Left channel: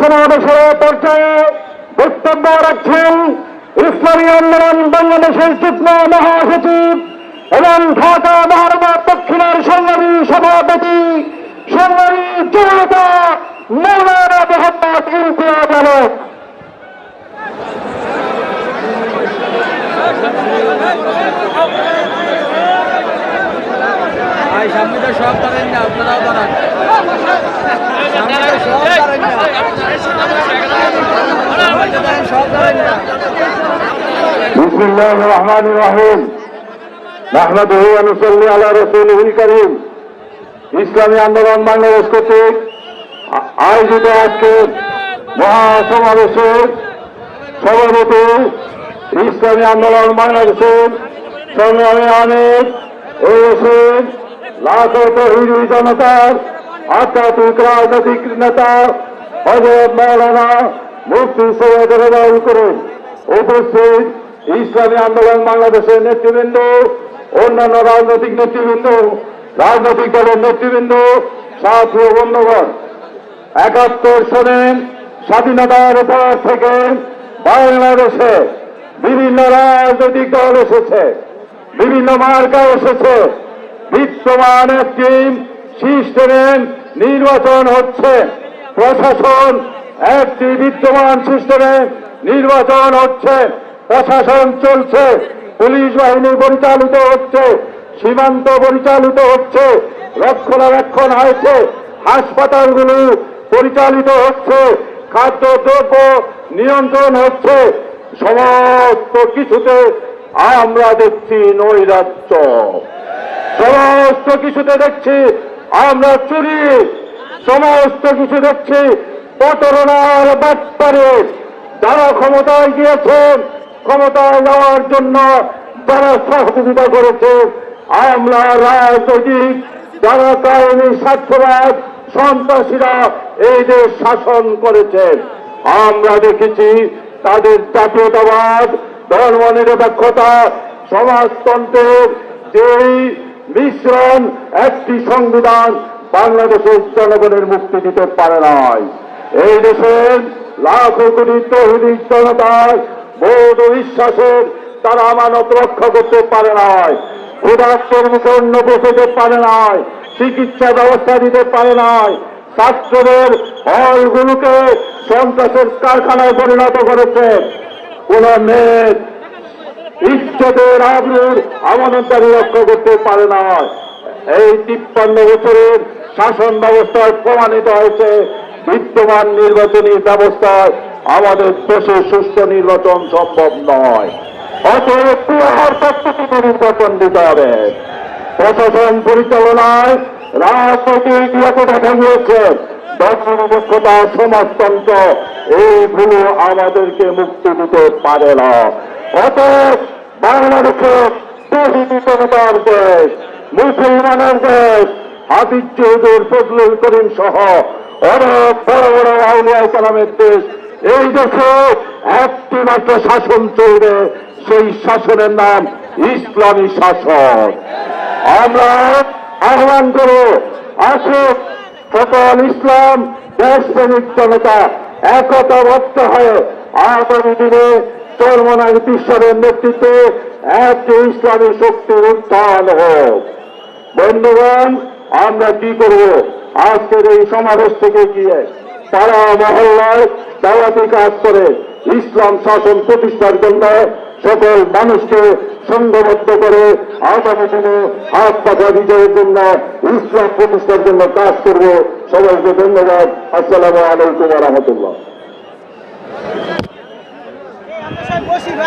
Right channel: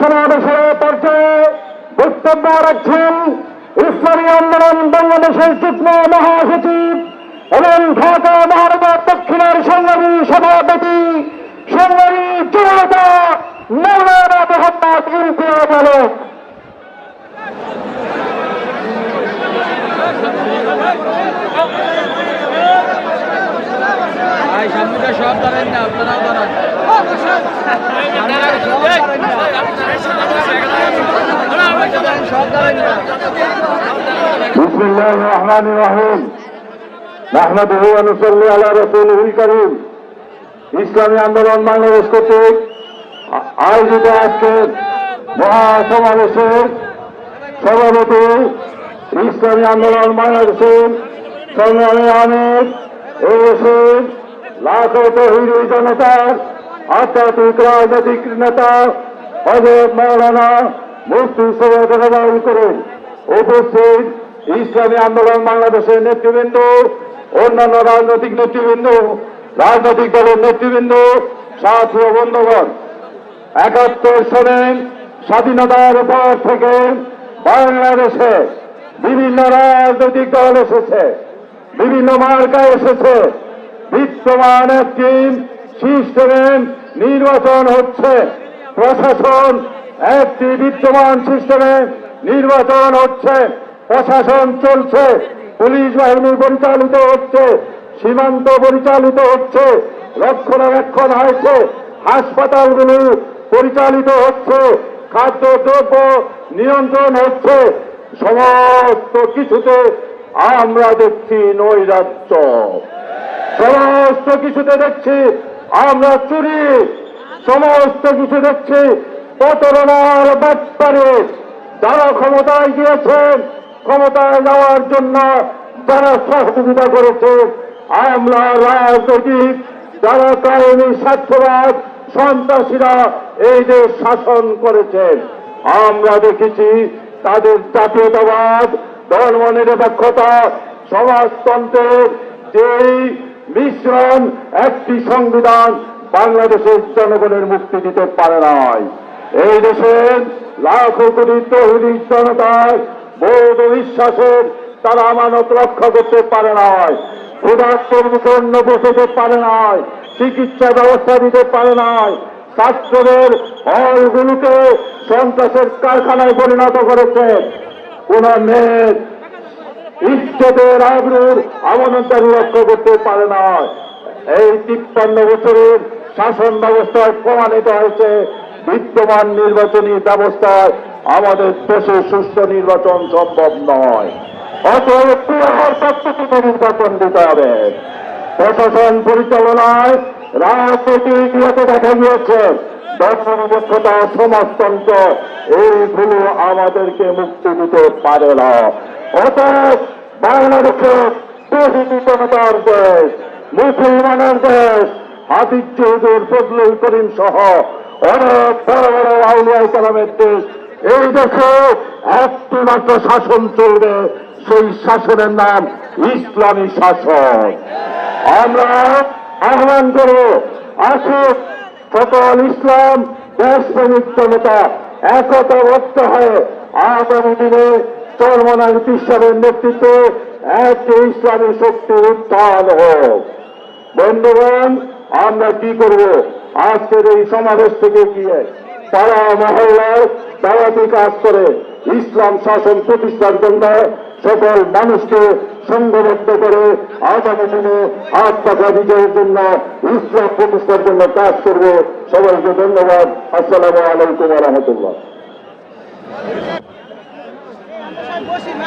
সমাবেশের পর্যায়ে বক্তব্য রাখছেন ইসলামী আন্দোলন বাংলাদেশের যুগ্ম মহাসচিব এবং ঢাকা মহানগর দক্ষিণের সংগ্রামী সভাপতি সংগ্রামী জনতা মৌলানা মোহাম্মদ ইমতিয়াজ আলম। ভাই সামনে তো সব দাঁড়ান না আপনারাও দাঁড়ান সামনে তো সব দাঁড়ান না সামনে তো দাঁড়ান, সব দাঁড়ান না بسم الله الرحمن الرحيم نحمده ونصلي على رسوله الكريم ইসলামী আন্দোলন বাংলাদেশ কর্তৃক আ- আয়োজিত আজকের মহাসমাবেশের সভাপতি ইসলামী আন্দোলন বাংলাদেশের সংগ্রামী অনেক এসে রাজনৈতিক নেতা, হজরত মৌলানা মুফতি সৈয়দ রেজাউল আন্দোলন বাংলাদেশের নেতৃবৃন্দ, অন্যান্য রাজনৈতিক নেতৃবৃন্দ, রাজনৈতিক দলের নেতৃবৃন্দ, সাথী বন্ধুগণ, একাত্তর সনে স্বাধীনতার পর থেকে বাংলাদেশে বিভিন্ন রাজনৈতিক দল এসেছে, বিভিন্ন মার্কা এসেছে। বিদ্যমান একটি সিস্টেমের নির্বাচন হচ্ছে। প্রশাসন, একটি বিদ্যমান সিস্টেমে নির্বাচন হচ্ছে। প্রশাসন চলছে। পুলিশ বাহিনী পরিচালিত হচ্ছে। সীমান্ত পরিচালিত হচ্ছে। রক্ষণাবেক্ষণ হয়েছে। হাসপাতালগুলি পরিচালিত হচ্ছে। খাদ্যদ্রব্য নিয়ন্ত্রণ হচ্ছে। সমস্ত কিছুতে আমরা দেখছি নৈরাজ্য। সমস্ত কিছুতে দেখছি, আমরা চুরি। সমস্ত কিছু দেখছি প্রতারণার বাট্টারে যারা ক্ষমতায় গিয়েছেন, ক্ষমতায় যাওয়ার জন্য যারা সহযোগিতা করেছে আমরা রাজনৈতিক, যারা কারণী স্বার্থবাদ, সন্ত্রাসীরা এই দেশ শাসন করেছেন। আমরা দেখেছি তাদের জাতীয়তাবাদ ধর্ম নিরপেক্ষতা সমাজতন্ত্রের যেই মিশ্রণ একটি সংবিধান বাংলাদেশের জনগণের মুক্তি দিতে পারে নাই। এই দেশের লাখো কোটি তহিদি জনতার বোধ বিশ্বাসের তারা আমানত রক্ষা করতে পারে নাই ক্ষুধার্তের মুখে অন্য বসতে পারে নাই, চিকিৎসা ব্যবস্থা দিতে পারে নাই, ছাত্রদের হলগুলোকে সন্ত্রাসের কারখানায় পরিণত করেছে। কোন মেয়ে ইজ্জতের আবরুর আমানতারি রক্ষা করতে পারে না। এই তিপ্পান্ন বছরের শাসন ব্যবস্থায় প্রমাণিত হয়েছে, বিদ্যমান নির্বাচনী ব্যবস্থায় আমাদের দেশে সুষ্ঠু নির্বাচন সম্ভব নয়। নির্বাচন দিতে হবে। প্রশাসন পরিচালনায় রাজনৈতিক একতা গিয়েছে দক্ষতা সমাজতন্ত্র, এইগুলো আমাদেরকে মুক্তি দিতে পারে না। অতএব বাংলাদেশে প্রতিনিধিতার দেশ, মুসলমানের দেশ, হাফিজ চৌধুরী ফজলুল করিম সহ অনেক বড় বড় আউলিয়া কালামের দেশ, এই দেশে একটি মাত্র শাসন চলবে, সেই শাসনের নাম ইসলামী শাসন আমরা আহ্বান করো, আসুক সকল ইসলাম দেশ দেশপ্রেমিক জনতা একতাবদ্ধ হয়ে আগামী দিনে চরমনার ঈশ্বরের নেতৃত্বে একটি ইসলামী শক্তি উত্থান হোক। বন্ধুগণ, আমরা কি করব? আজকের এই সমাবেশ থেকে গিয়ে তারা মহল্লায় দাওয়াতি কাজ করে ইসলাম শাসন প্রতিষ্ঠার জন্য সকল মানুষকে সংঘবদ্ধ করে আগামী দিনে আত্মাকা বিজয়ের জন্য, ইসলাম প্রতিষ্ঠার জন্য কাজ করবে। সবাইকে ধন্যবাদ। আসসালামু আলাইকুম রহমতুল্লাহ। 中国新闻。